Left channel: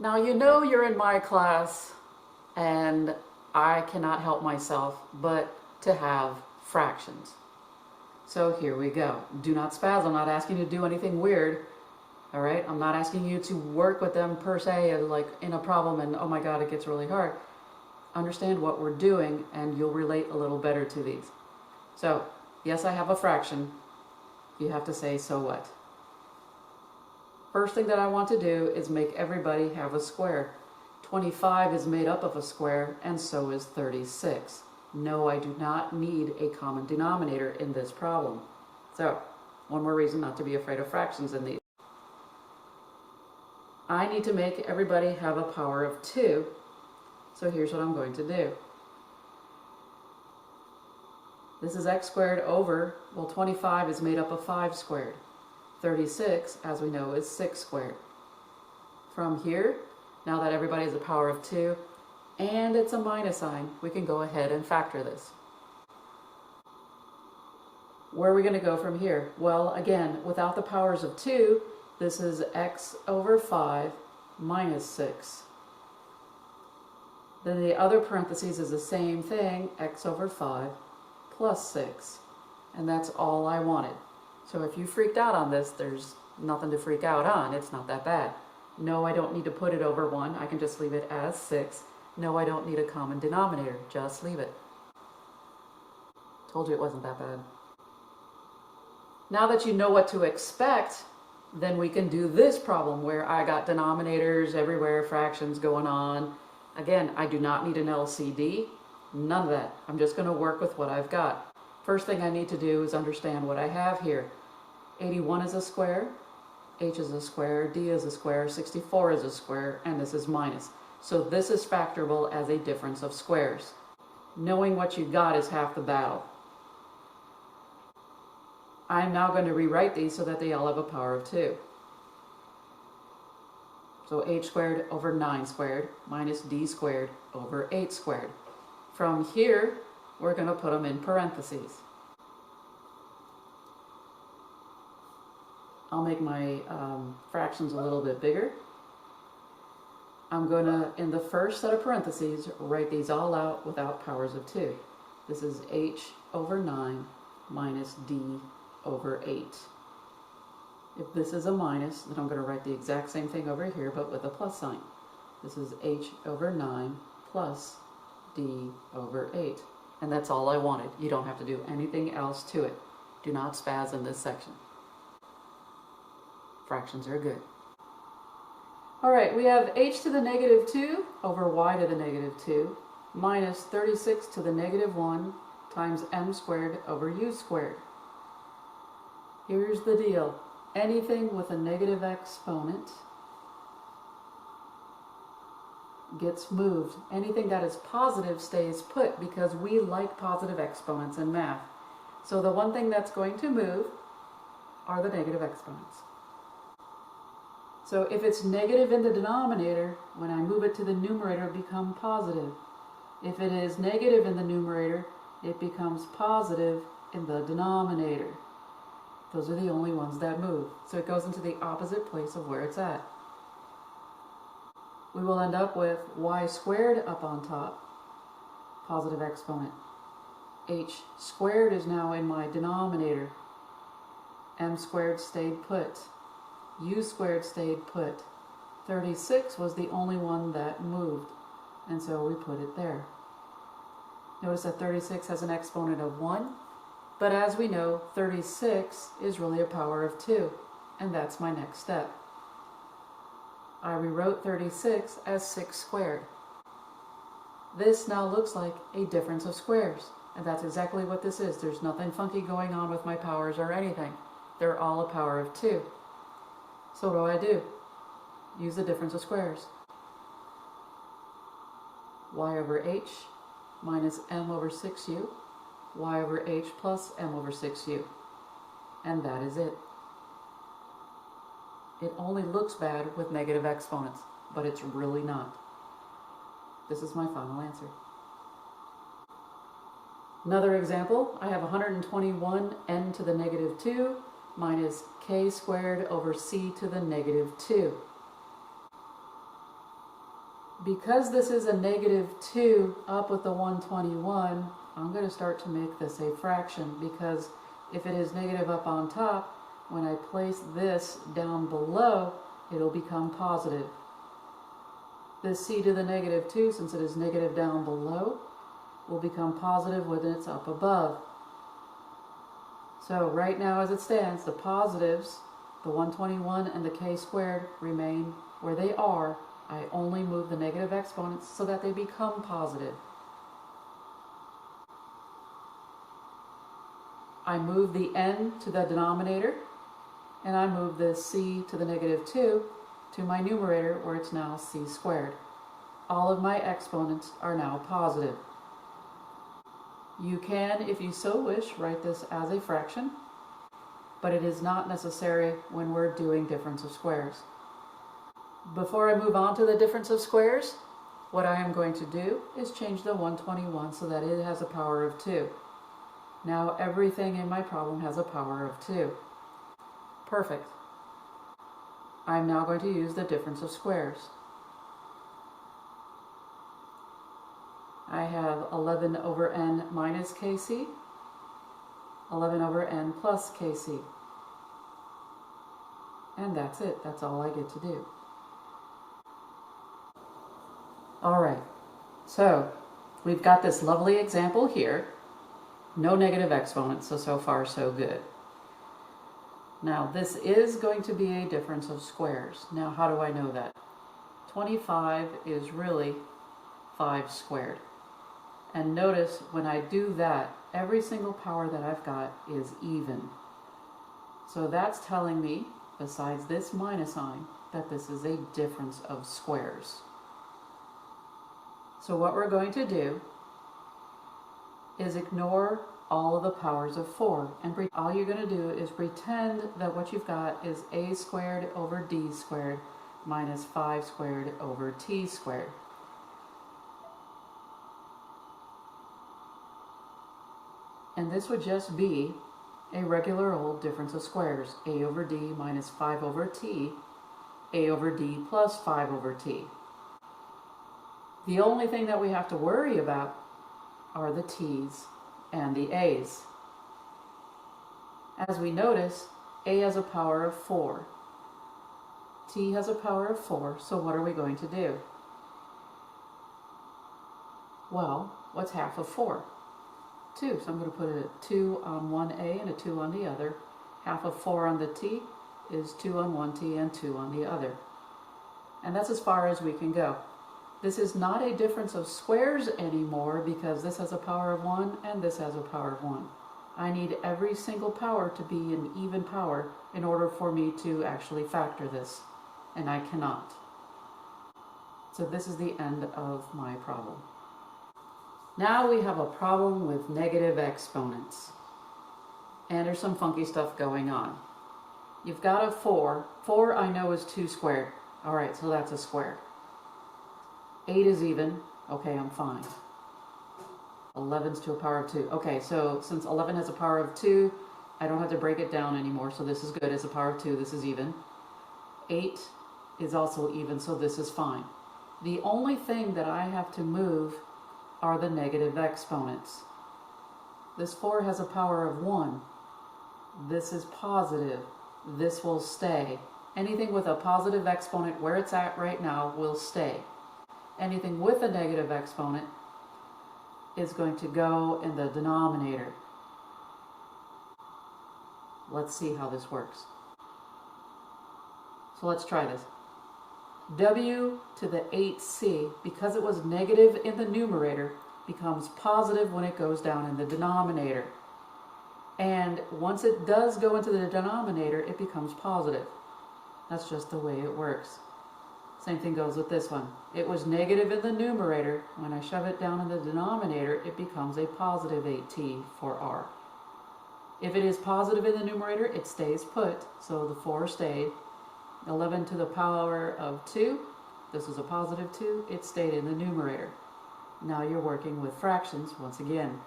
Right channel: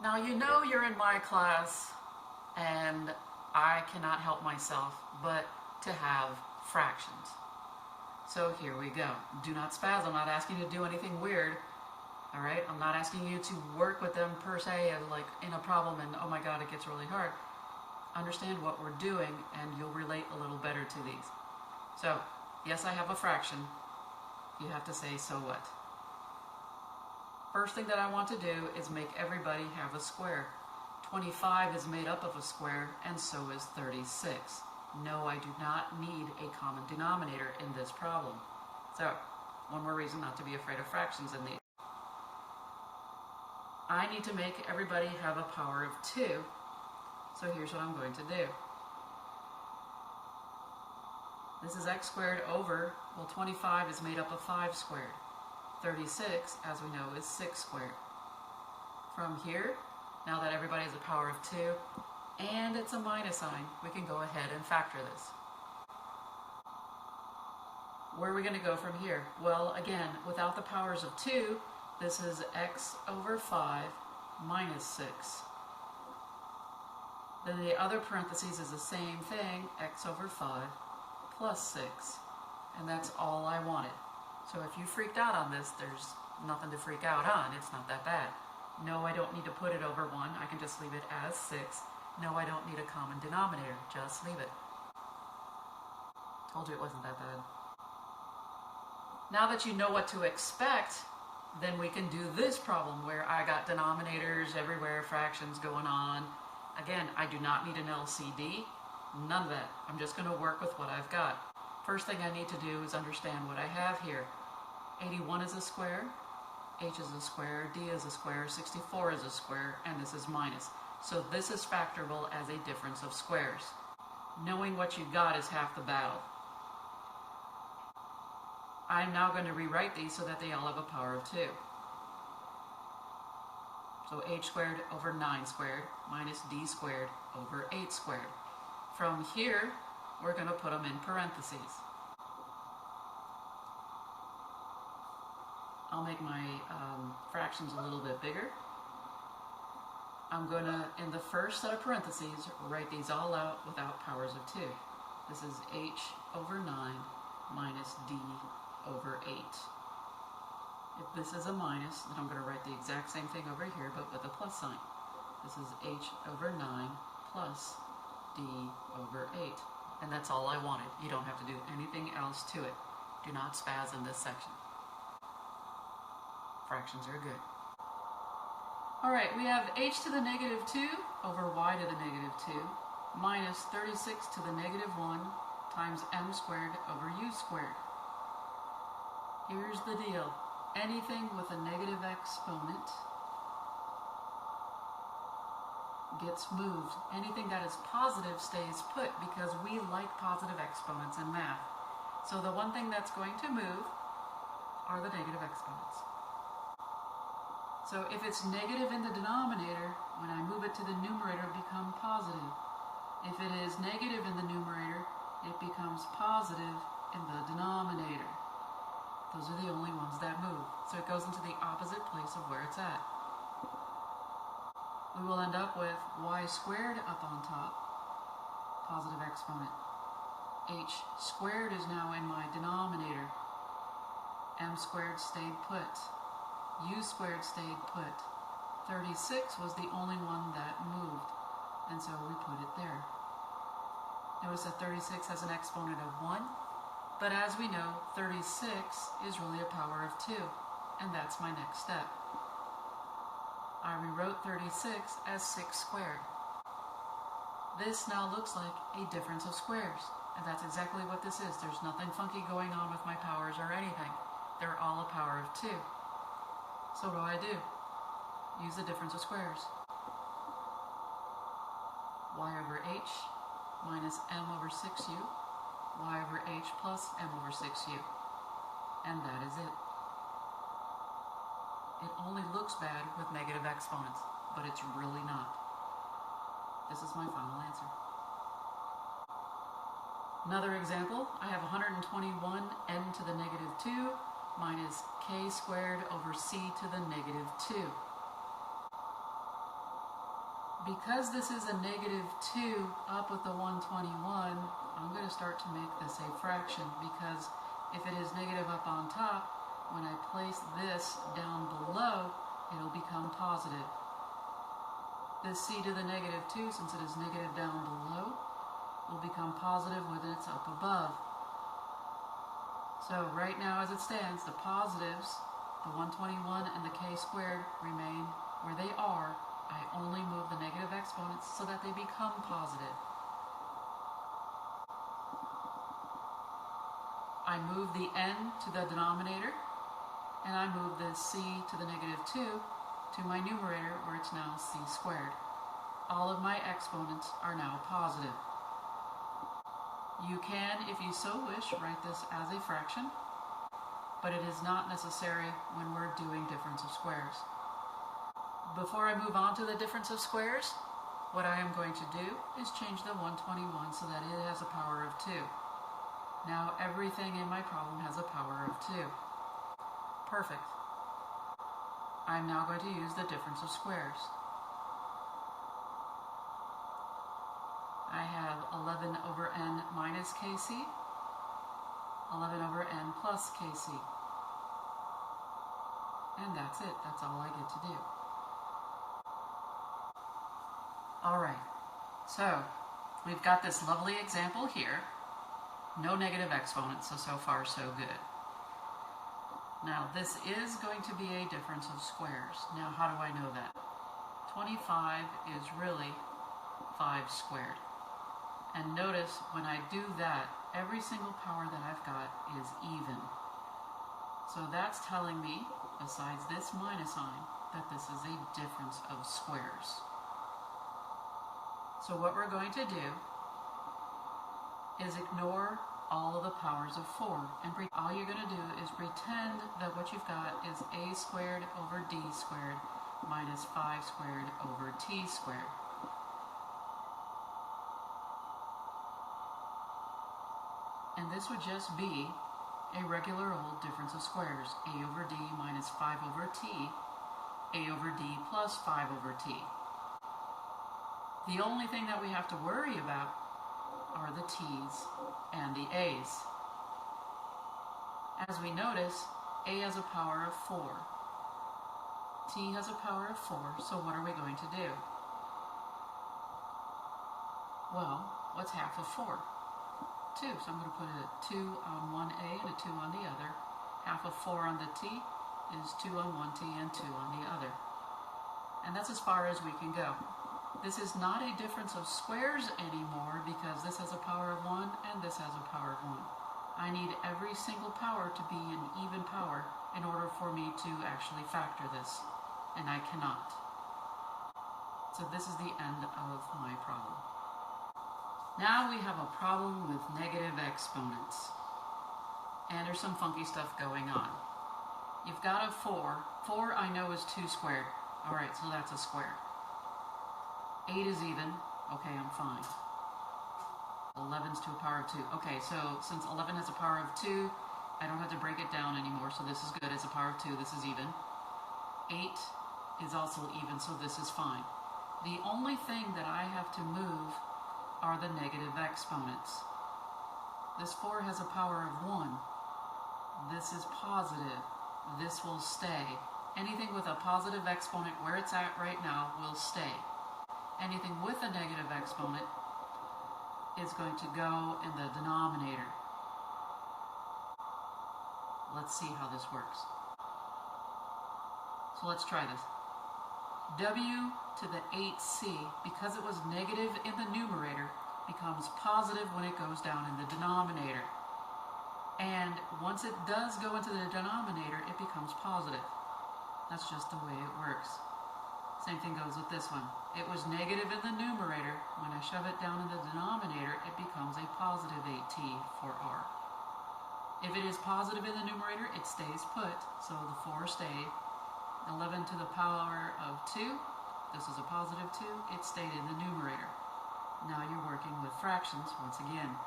Now you know you're in my class and I cannot help myself but to have fractions. So here we go. Do not spaz. I'm not asking you to do anything weird. All right? I'm not asking you to work with them per se like in a problem and oh my god it gets really hard. Understand what we're doing and you'll relate a little better to these. So, yes, I have a fraction. You have to say, so what? First thing that I want to do is make everybody have a square. 25 is made up of a square, and so is 36. No, I do not need a common denominator in this problem. So, one more reason not to be afraid of fractions in these. I need to make everybody have a power of 2. So here's what I'm going to do. This is x squared over, well, 25 is made up of 5 squared. 36, as we know, is 6 squared. From here, now that everybody has a power of 2, and it's a minus sign, we can go ahead and factor this. Where are we going to go from here? Well, again, without the powers of 2, this is x over 5 minus 6. Then the other parentheses is the same thing, x over 5 plus 6. And that's all I wanted. So if you freaked out on this, there's nothing to freak out on. It's not that bad. No, I don't need to put it over 1. I can just leave it as 6. No, I don't need a common denominator. Just leave it. Told you it wasn't that bad. Now that you know what to expect, then we can do this problem where I got denominators everywhere, fractions going on. Again, I do not need an LCD. None of that. I'm just going to work with what I've got. First thing I need to do is understand what I have here. 81 is a square, h is a square, d is a square, 64 is a square, and this is minus. So this is factorable as a difference of squares. Knowing what you got is half the battle. I'm now going to rewrite these so that they all have a power of 2. So h squared over 9 squared minus d squared over 8 squared. From here, we're going to put them in parentheses. I'll make my fractions a little bit bigger. I'm going to, in the first set of parentheses, write these all out without powers of 2. This is h over 9 minus d over 8. If this is a minus, then I'm going to write the exact same thing over here, but with a plus sign. This is h over 9 plus d over 8. And that's all I wanted. You don't have to do anything else to it. Do not spaz in this section. Fractions are good. All right, we have h to the negative 2 over y to the negative 2 minus 36 to the negative 1 times m squared over u squared. Here's the deal. Anything with a negative exponent gets moved. Anything that is positive stays put because we like positive exponents in math. So the one thing that's going to move are the negative exponents. So if it's negative in the denominator, when I move it to the numerator, it becomes positive. If it is negative in the numerator, it becomes positive in the denominator. Those are the only ones that move. So it goes into the opposite place of where it's at. We will end up with y squared up on top, positive exponent. H squared is now in my denominator. M squared stayed put. U squared stayed put. 36 was the only one that moved, and so we put it there. Notice that 36 has an exponent of 1, but as we know, 36 is really a power of 2, and that's my next step. I rewrote 36 as 6 squared. This now looks like a difference of squares, and that's exactly what this is. There's nothing funky going on with my powers or anything. They're all a power of 2. So what do? Use the difference of squares. Y over h minus m over 6u, y over h plus m over 6u. And that is it. It only looks bad with negative exponents, but it's really not. This is my final answer. Another example, I have 121 n to the negative 2 minus k squared over c to the negative 2. Because this is a negative 2 up with the 121, I'm going to start to make this a fraction, because if it is negative up on top, when I place this down below, it'll become positive. This c to the negative 2, since it is negative down below, will become positive when it's up above. So right now as it stands, the positives, the 121 and the k squared, remain where they are. I only move the negative exponents so that they become positive. I move the n to the denominator, and I move the c to the negative 2 to my numerator, where it's now c squared. All of my exponents are now positive. You can, if you so wish, write this as a fraction, but it is not necessary when we're doing difference of squares. Before I move on to the difference of squares, what I am going to do is change the 121 so that it has a power of 2. Now everything in my problem has a power of 2. Perfect. I'm now going to use the difference of squares. I have 11 over n minus kc, 11 over n plus kc. And that's it. That's all I get to do. Alright, so we've got this lovely example here. No negative exponents, so far so good. Now this is going to be a difference of squares. Now how do I know that? 25 is really 5 squared. And notice when I do that, every single power that I've got is even. So that's telling me, besides this minus sign, that this is a difference of squares. So what we're going to do is ignore all of the powers of 4. And all you're going to do is pretend that what you've got is a squared over d squared minus 5 squared over t squared. And this would just be a regular old difference of squares. A over d minus 5 over t, a over d plus 5 over t. The only thing that we have to worry about are the t's and the a's. As we notice, a has a power of 4. T has a power of 4, so what are we going to do? Well, what's half of 4? 2, so I'm going to put a 2 on one a and a 2 on the other. Half of 4 on the t is 2 on one t and 2 on the other. And that's as far as we can go. This is not a difference of squares anymore, because this has a power of 1 and this has a power of 1. I need every single power to be an even power in order for me to actually factor this, and I cannot. So this is the end of my problem. Now we have a problem with negative exponents. And there's some funky stuff going on. You've got a 4. 4 I know is 2 squared. Alright, so that's a square. 8 is even. Okay, I'm fine. 11's to a power of 2. Okay, so since 11 has a power of 2, I don't have to break it down anymore, so this is good. As a power of 2, this is even. 8 is also even, so this is fine. The only thing that I have to move are the negative exponents. This 4 has a power of 1. This is positive. This will stay. Anything with a positive exponent where it's at right now will stay. Anything with a negative exponent is going to go in the denominator. Let's see how this works. So let's try this. W to the 8c, because it was negative in the numerator, becomes positive when it goes down in the denominator. And once it does go into the denominator, it becomes positive. That's just the way it works. Same thing goes with this one. It was negative in the numerator. When I shove it down in the denominator, it becomes a positive 8t for r. If it is positive in the numerator, it stays put, so the 4 stayed. 11 to the power of 2, this is a positive 2, it stayed in the numerator. Now you're working with fractions once again.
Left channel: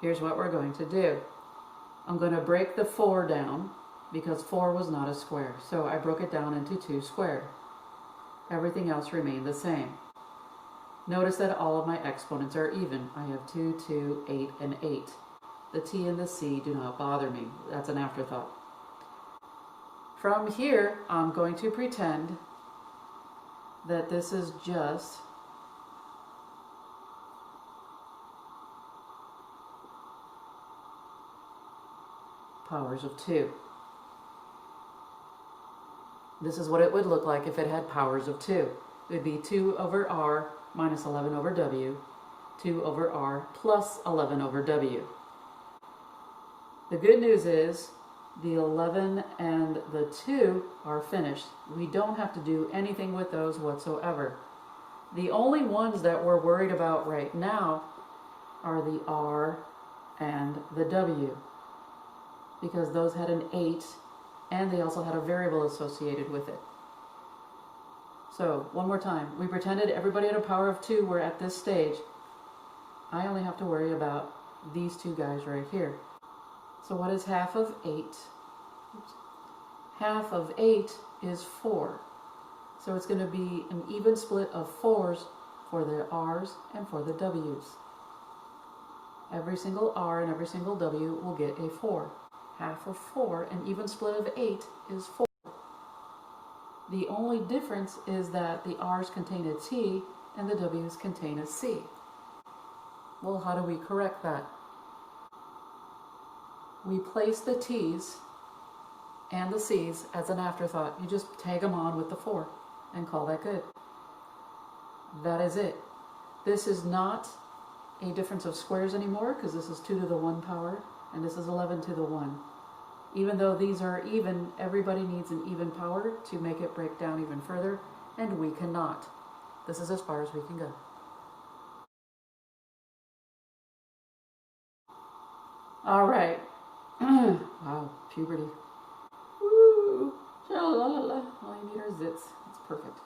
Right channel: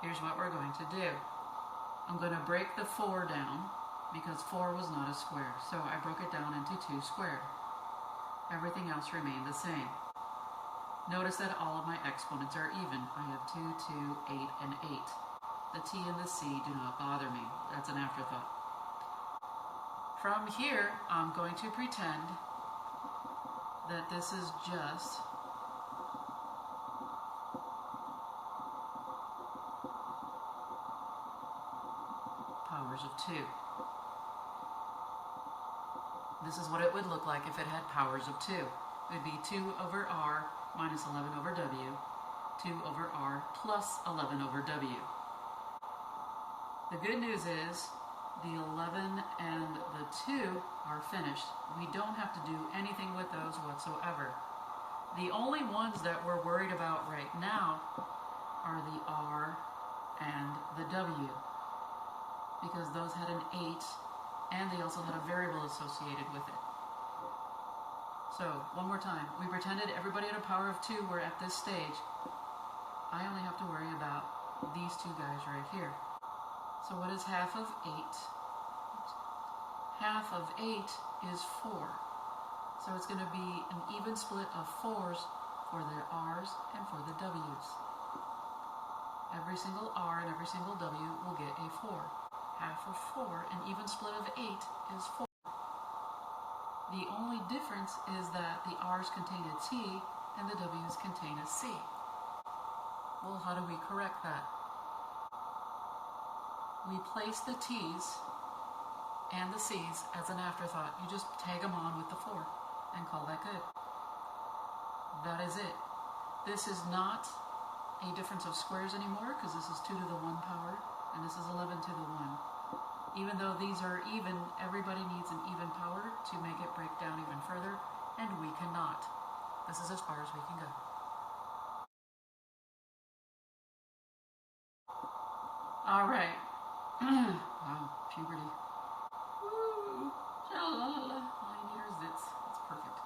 Here's what we're going to do. I'm going to break the 4 down, because 4 was not a square, so I broke it down into 2 squared. Everything else remained the same. Notice that all of my exponents are even. I have 2, 2, 8, and 8. The t and the c do not bother me. That's an afterthought. From here, I'm going to pretend that this is just powers of 2. This is what it would look like if it had powers of 2. It would be 2 over r minus 11 over w, 2 over r plus 11 over w. The good news is the 11 and the 2 are finished. We don't have to do anything with those whatsoever. The only ones that we're worried about right now are the r and the w, because those had an 8 and they also had a variable associated with it. So, one more time. We pretended everybody had a power of 2 were at this stage. I only have to worry about these two guys right here. So what is half of 8? Oops. Half of 8 is 4. So it's going to be an even split of 4s for the r's and for the w's. Every single r and every single w will get a 4. Half of 4, an even split of 8 is 4. The only difference is that the r's contain a t and the w's contain a c. Well, how do we correct that? We place the t's and the c's as an afterthought. You just tag them on with the 4 and call that good. That is it. This is not a difference of squares anymore, because this is 2 to the 1 power and this is 11 to the 1. Even though these are even, everybody needs an even power to make it break down even further, and we cannot. This is as far as we can go. All right. Wow, puberty. Woo! All you need are zits. It's perfect.